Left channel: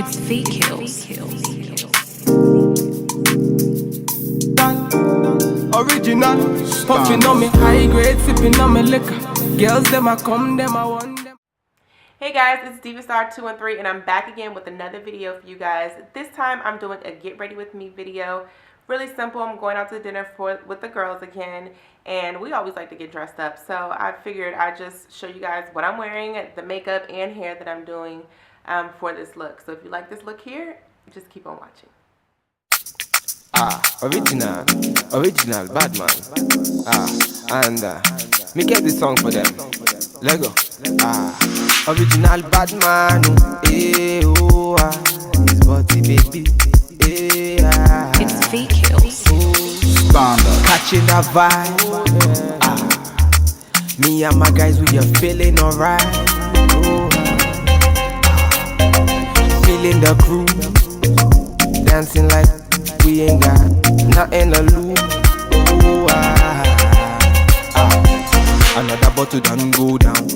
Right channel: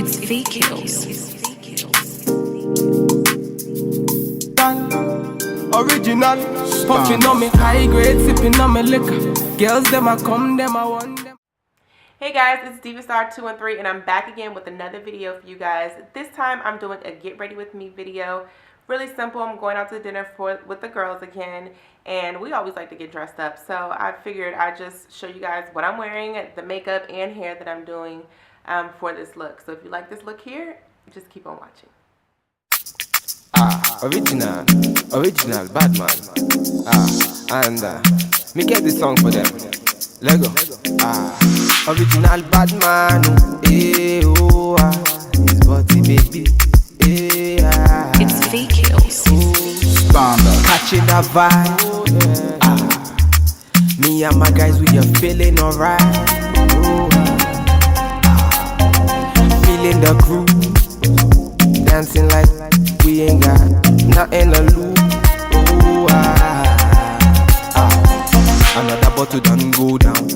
It's feet kills. Original, puffing on me high grade, sipping on me liquor. Girls, them I come, them I want them. Hey guys, it's DivaStar213 and I'm back again with another video for you guys. This time I'm doing a get ready with me video. Really simple. I'm going out to dinner with the girls again, and we always like to get dressed up, so I figured I'd just show you guys what I'm wearing, the makeup and hair that I'm doing for this look. So if you like this look here, just keep on watching. Original bad man. And me get this song for them. Lego. Original bad man. His body baby. It's feet kills. Standard. Catching that vibe. Me and my guys, we are feeling alright. Feeling the crew. Dancing like we ain't got nothing to lose. Another bottle done go down.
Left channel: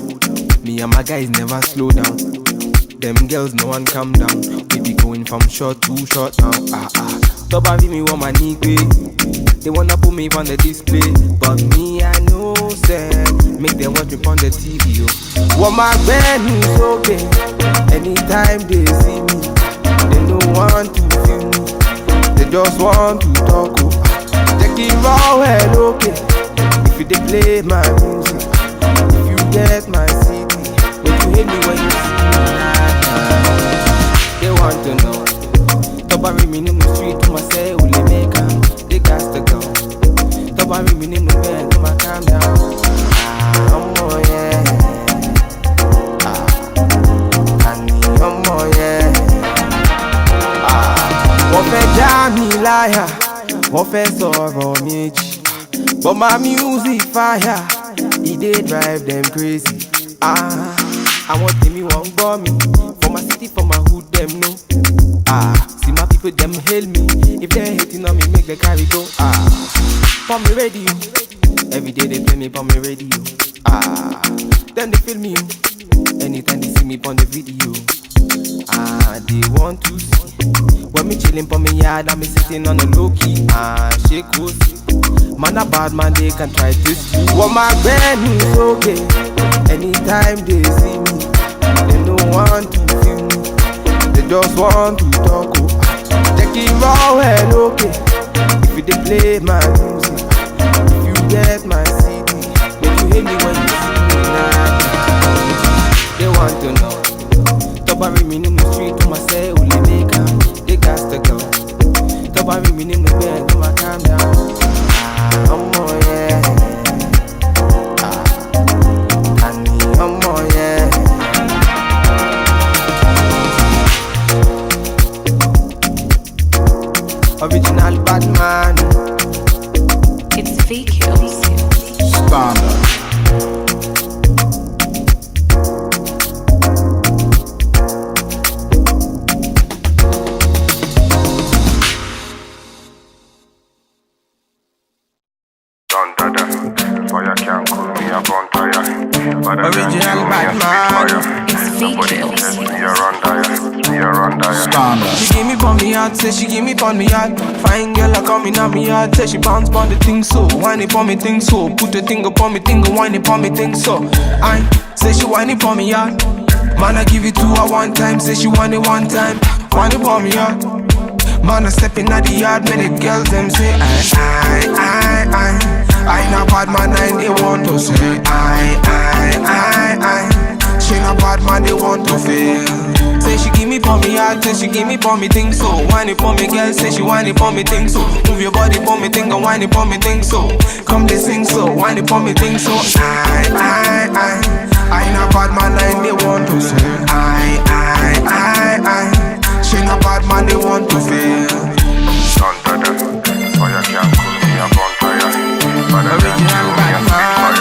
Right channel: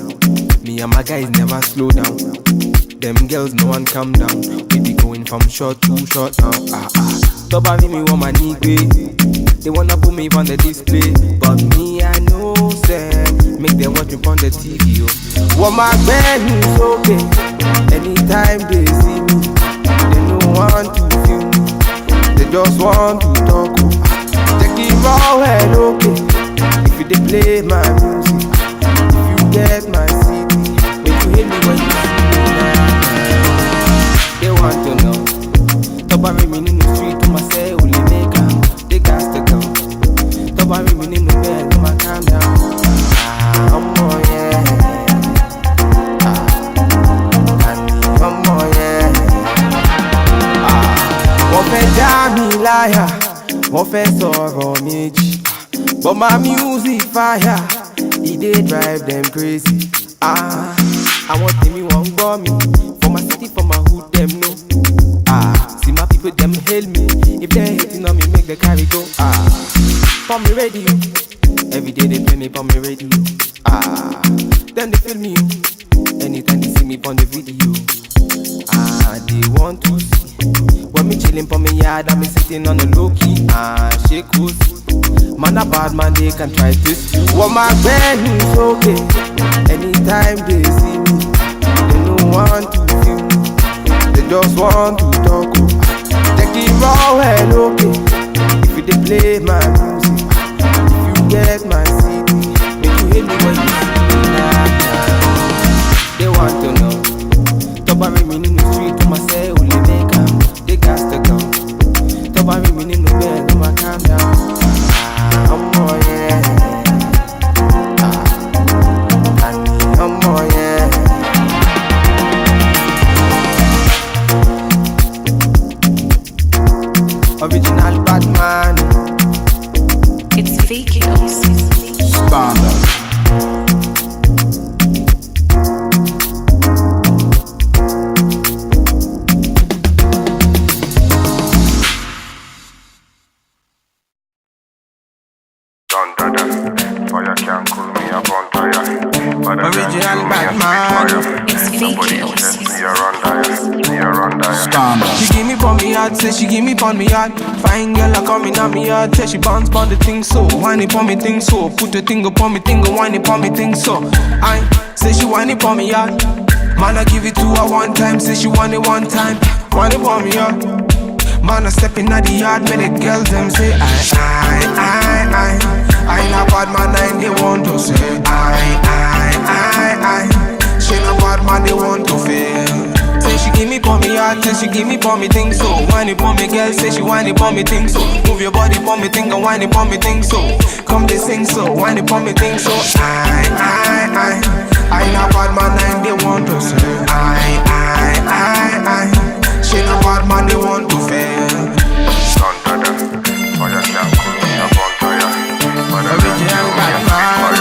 Me and my guys never slow down. Them girls no one calm down. We be going from short to short now. Top of me want my knee. They wanna put me on the display, but me I know say make them watch me on the TV. Want my band is okay. Anytime they see me, they no want to feel me. They just want to talk. Take it raw well, okay. If you they play my music, if you get my CD, make you hate me when you see me. They want to know. Top of me in the street to myself, will they make them? They got to go. Top of me in the bed, to my calm down. Oh yeah. Oh yeah. Wọ́n fẹ́ já mi láyà, wọ́n fẹ́ sọ̀rọ̀ méjì, but my music fire, it dey drive them crazy. Àwọn tèmi wọ́n gbọ́ mi, for my city, for my hood, them know. See my people, them hail me. If they hating on me, make the carry go. For me radio, every day they play me for me radio. Then they feel me, anytime they see me on the video. They want to see when me chilling for me yard and me sitting on the low key. Shake pussy, man a bad man, they can try this. Want my band is okay. Anytime they see me, they no want to feel me. They just want to talk. Take it raw well, okay. If you they play my music, if you get my CD, make you hate me when you see me. They want to know. Top of me in the street to myself, will they make them? They got to go. Top of me in the bed, to my calm down. Oh yeah. Oh yeah. Original bad man. It's feet kills. Standard. Original bad man. It's feet kills. She give me pon me heart, say she give me pon me heart. Fine girl a coming on me heart, say she bounce pon the thing so. Whine it pon me thing so. Put the thing upon me thing, whine it pon me thing so. I say she whine it pon me heart. Man I give it to her one time, say she want it one time. Whine it pon me heart. Man I step in at the yard, make the girls them say I not bad man, and they want to say I. She not bad man, they want to feel. Say she give me pon me heart, say she give me pon me thing so. Whine it pon me girl, say she whine it pon me thing so. Move your body pon me thing and whine it pon me thing so. Come they sing so, whine it pon me thing so. I not bad man, and they want to say I. She not bad man, they want to feel. Original bad man.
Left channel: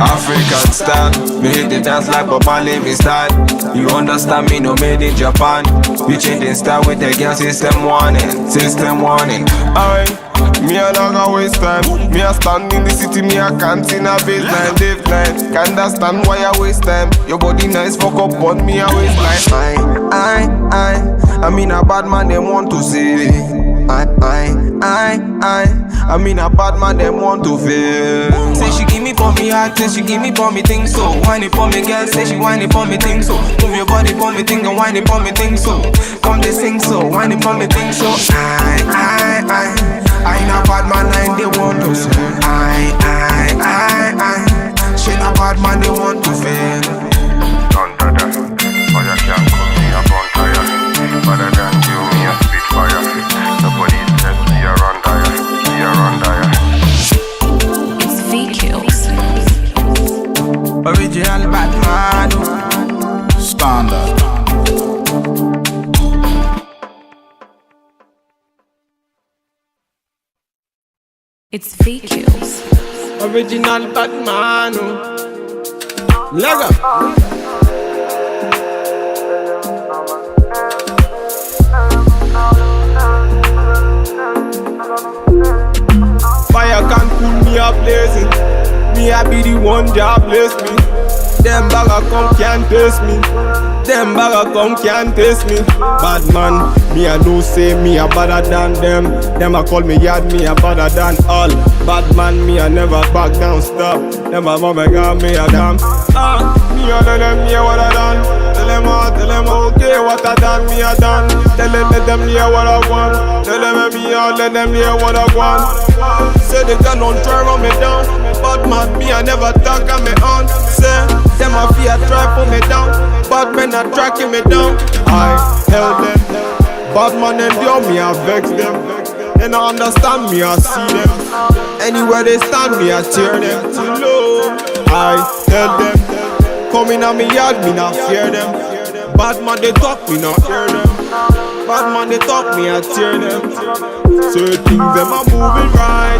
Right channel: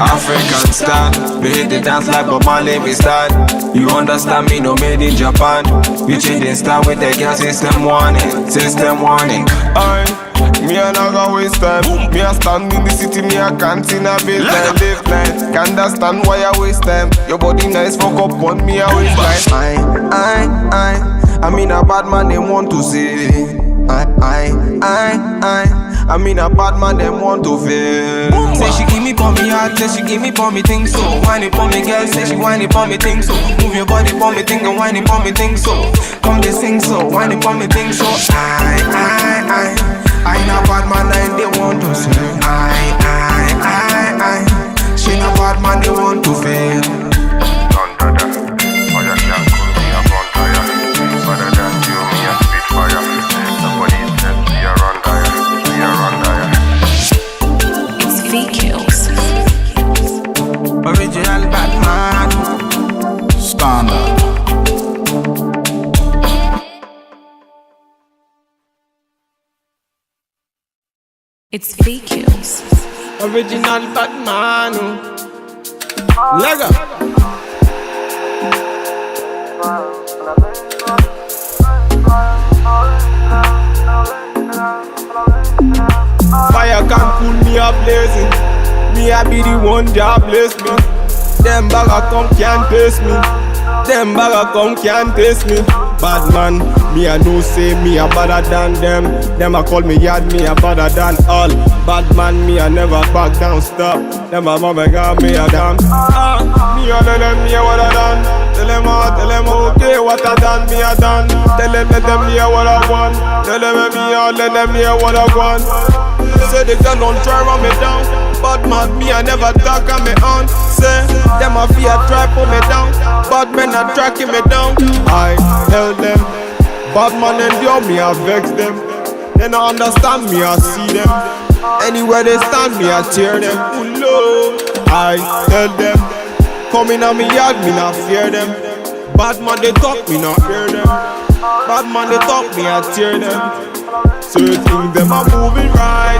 African style, me hit the dance like Bob Marley, me style. You understand me, no made in Japan. We changing style with the girl, system warning. Alright, Me a not gonna waste time. Me a stand in the city, me a can't in a baseline, live line. Can't understand why I waste time. Your body nice, fuck up on me, I waste like I mean a bad man, they want to say. I mean a bad man, them want to feel. Say she give me for me heart, say she give me for me thing so. Whine it for me girl, say she whine it for me thing so. Move your body for me thing and whine it for me thing so. Come they sing so, whine it for me thing so. I ain't a bad man and they want to say. She ain't a bad man, they want to feel. Thunder, or you can't call me a bonfire. Better than you, me a spitfire. Nobody says we are on dire, we are on dire. It's V-Kills. Original Batman. Standard. It's V-Kills. Original Batman. Lego. Fire can't cool me up blazing. Me I be the one that bless me. Them bagger come can't taste me. Them bagger come can't taste me. Bad man, me I know say me a better than them. Them a call me yard, me a better than all. Bad man, me I never back down, stop. Them a mama got me a damn. Me a tell them me a what I done. Tell them okay what I done, me a done. Tell them let them hear what I want. Tell them me a let them hear what I want. Say they girl don't try run me down. Bad man, me I never talk on me on. Say them a fear try pull me down. Bad men are tracking me down. I held them. Bad man endure me, I vex them. They don't understand me, I see them. Anywhere they stand me, I tear them. Low. I tell them. Come in on me yard, me not fear them. Bad man they talk, me not hear them. Bad man they talk, me I tear them. Certain things them are moving right.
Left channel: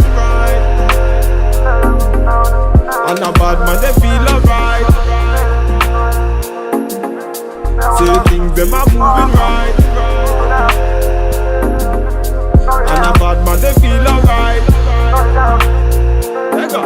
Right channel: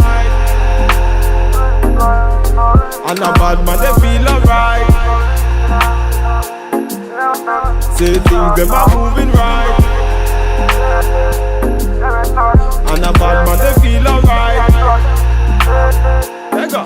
And a bad man they feel alright. Say things them are moving right. And a bad man they feel alright. Let go.